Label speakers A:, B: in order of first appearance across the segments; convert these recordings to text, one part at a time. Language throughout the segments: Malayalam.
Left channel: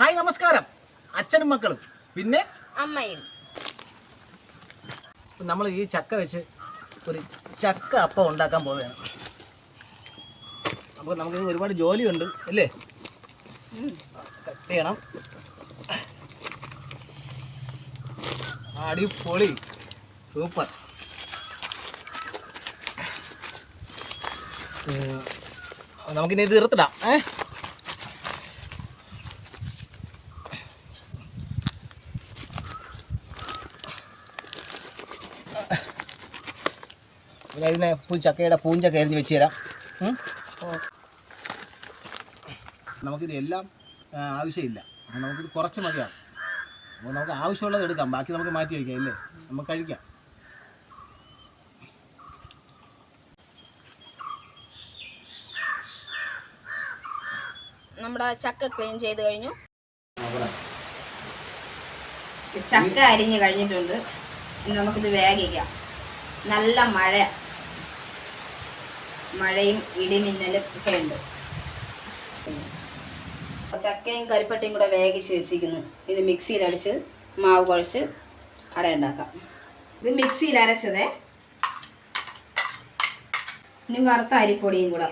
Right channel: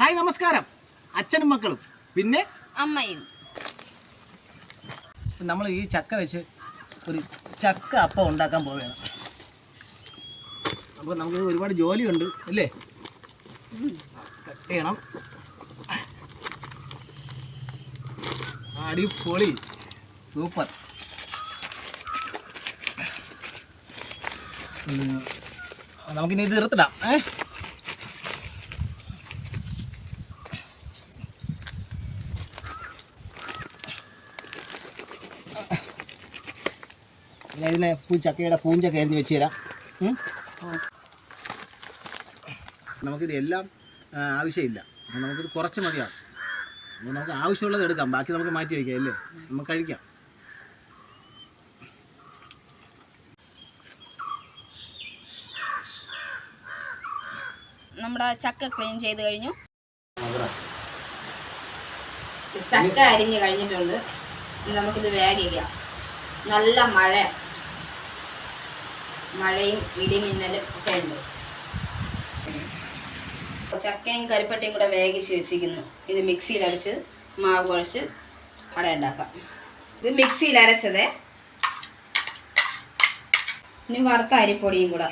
A: ഹായ് നമസ്കാരം. അച്ഛനും മക്കളും. പിന്നെ?
B: അമ്മയും.
A: നമ്മൾ ഈ ചക്ക വെച്ച് ഒരു ചക്ക അപ്പം ഉണ്ടാക്കാൻ പോവുകയാണ്. അപ്പോൾ നമുക്ക് ഒരുപാട് ജോലിയുണ്ട് അല്ലേ? കട്ട് ചെയ്യണം. അടിപൊളി. സൂപ്പർ. നമുക്കിനി ഇത് തീർത്തിടാം ഏ? പിന്നെ ഇതിനെ ചക്കയുടെ പൂഞ്ചക്ക എറിഞ്ഞ് വെച്ച് തരാം? നമുക്കിത് എല്ലാം ആവശ്യമില്ല. അപ്പോൾ നമുക്കിത് കുറച്ച് മതിയാവും. അപ്പോൾ നമുക്ക് ആവശ്യമുള്ളത് എടുക്കാം. ബാക്കി നമുക്ക് മാറ്റി വയ്ക്കാം അല്ലേ? നമുക്ക് കഴിക്കാം.
B: നമ്മുടെ ചക്ക ക്ലീൻ ചെയ്ത് കഴിഞ്ഞു. ചക്ക അരിഞ്ഞ് കഴിഞ്ഞിട്ടുണ്ട്. നമുക്കിത് വേഗിക്കാം നല്ല മഴ. മഴയും ഇടിമിന്നലും ഒക്കെ ഉണ്ട്. ചക്കയും കരിപ്പട്ടയും കൂടെ വേഗിച്ച് വെച്ചിരിക്കുന്നു. ഇത് മിക്സിയിൽ അടിച്ച് മാവ് കുഴച്ച് അട ഉണ്ടാക്കാം. ഇത് മിക്സിയിൽ അരച്ചതേ ഇനി വറുത്ത അരിപ്പൊടിയും കൂടെ.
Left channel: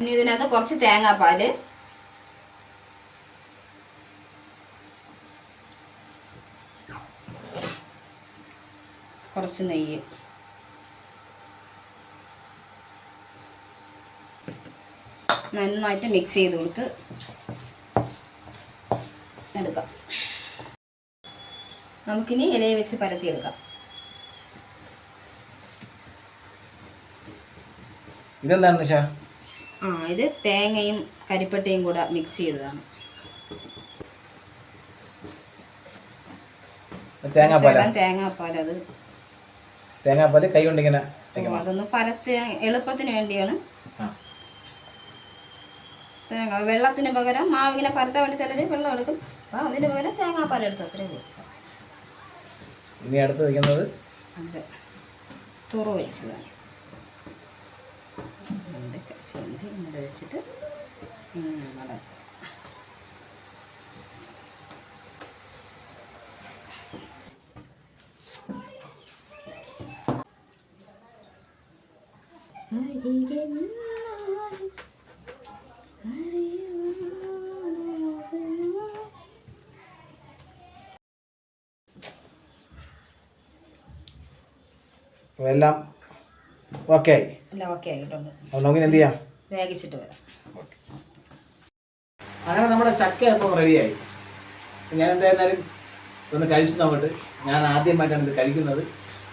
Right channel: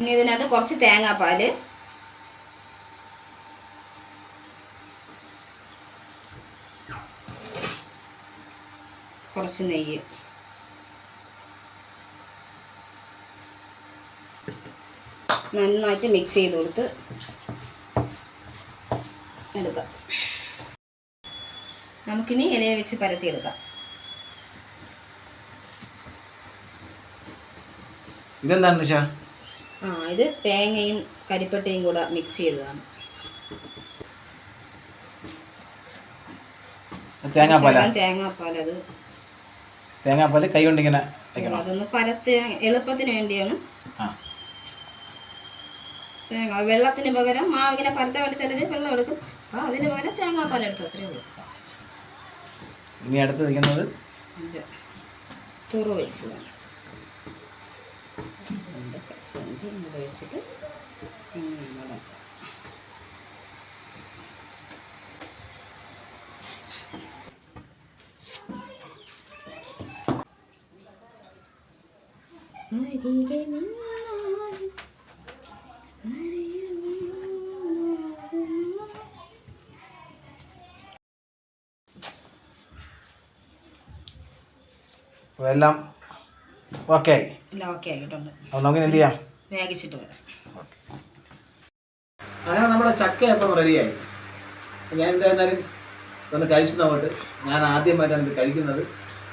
B: ഇനി ഇതിനകത്ത് കുറച്ച് തേങ്ങാപ്പാൽ കുറച്ച് നെയ്യ്. നന്നായിട്ട് മിക്സ് ചെയ്ത് കൊടുത്ത് എടുക്കാം. നമുക്കിനി ഇലയെ വെച്ച് പരത്തിയെടുക്കാം.
A: ഇതെന്താണ് നിഷ?
B: ആ ഇത് തേങ്ങയും കരിപ്പട്ടയും കൂടെ മിക്സ് ചെയ്തതാണ്.
A: തേങ്ങാപ്പാല?
B: ശകലം തേങ്ങാപ്പാൽ അത്
A: തേങ്ങാപ്പാൽ കൈ കൊണ്ട് ഇങ്ങനെ വെക്കണം
B: അതൊന്ന് പരത്തി എളുപ്പത്തിന് വേണ്ടിയാണ്. തേങ്ങ വെള്ളത്തിന് പകരം മാവ് ഇങ്ങനെ പരത്ത വേണ്ടി ചിലർ വെള്ളം എടുക്കും. അപ്പോൾ അതിന് പകരം തേങ്ങാപ്പാൽ എടുത്ത് അത്രേ ഉള്ളൂ.
A: ഇനി അടുത്ത് വയ്ക്കുന്നത്
B: തുറ വെച്ചതാണ്. വേണം വെച്ചിട്ട് ഇങ്ങനെ മടക്കും അരികെ
A: എല്ലാം ഓക്കെ ആയി.
B: എല്ലാം ഓക്കെ ആയിട്ടുണ്ട്.
A: അപ്പോൾ നമുക്കിനി എന്ത് ചെയ്യാം?
B: വേഗിച്ചിട്ട് വരാം.
A: അങ്ങനെ നമ്മുടെ ചക്ക അപ്പം റെഡിയായി ഞാൻ എന്തായിരുന്നാലും ഒന്ന് കഴിച്ചു നോക്കട്ട്. ഞാൻ ആദ്യമായിട്ടാണ് ഇത് കഴിക്കുന്നത്.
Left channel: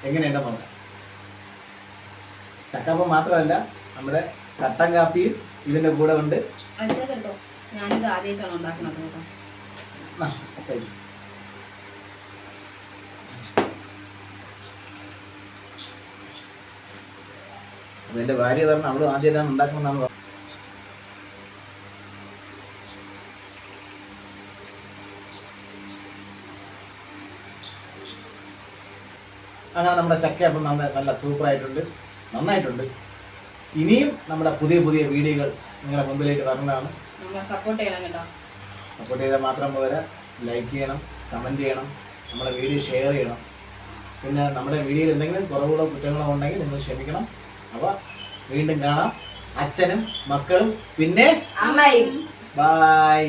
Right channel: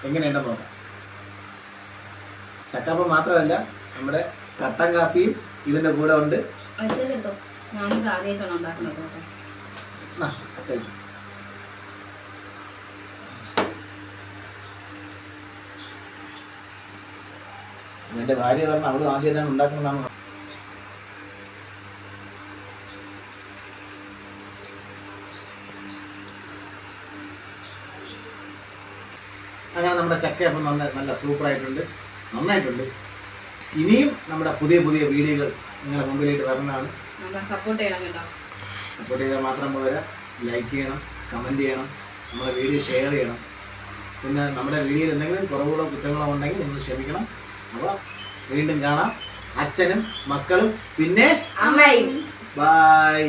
A: എങ്ങനെയുണ്ടെന്ന് നോക്കാം. ചക്കപ്പം മാത്രമല്ല നമ്മുടെ കട്ടൻ കാപ്പിയും ഇതിന്റെ കൂടെ ഉണ്ട്
B: ഞാനിത് ആദ്യമായിട്ടാണ് ഉണ്ടാക്കുന്നത്.
A: എന്റെ ഭാര്യ പറഞ്ഞു അവളും ആദ്യമായിട്ടാണ് ഉണ്ടാക്കുന്നതാണ് പറഞ്ഞത്. അങ്ങനെ നമ്മുടെ ചക്കയപ്പം നല്ല നല്ല സൂപ്പറായിട്ടുണ്ട് നന്നായിട്ടുണ്ട്. ഇനിയും നമ്മുടെ പുതിയ പുതിയ വീഡിയോകൾ നിങ്ങളുടെ മുമ്പിലേക്ക് വരുന്നതാണ്
B: നമ്മളെ സപ്പോർട്ട് ചെയ്യണം കേട്ടോ.
A: സപ്പോർട്ട് ചെയ്താൽ മാത്രം പോരാ. ലൈക്ക് ചെയ്യണം കമന്റ് ചെയ്യണം നമ്മുടെ വീഡിയോ ഷെയർ ചെയ്യണം. പിന്നെ നമ്മുടെ വീഡിയോയിൽ എന്തെങ്കിലും കുറവുകളോ കുറ്റങ്ങളോ ഉണ്ടെങ്കിൽ നിങ്ങൾ ക്ഷമിക്കണം. അപ്പോൾ വീണ്ടും കാണാം. അച്ഛനും മക്കളും പിന്നെ
B: അമ്മയും.
A: ബായ്.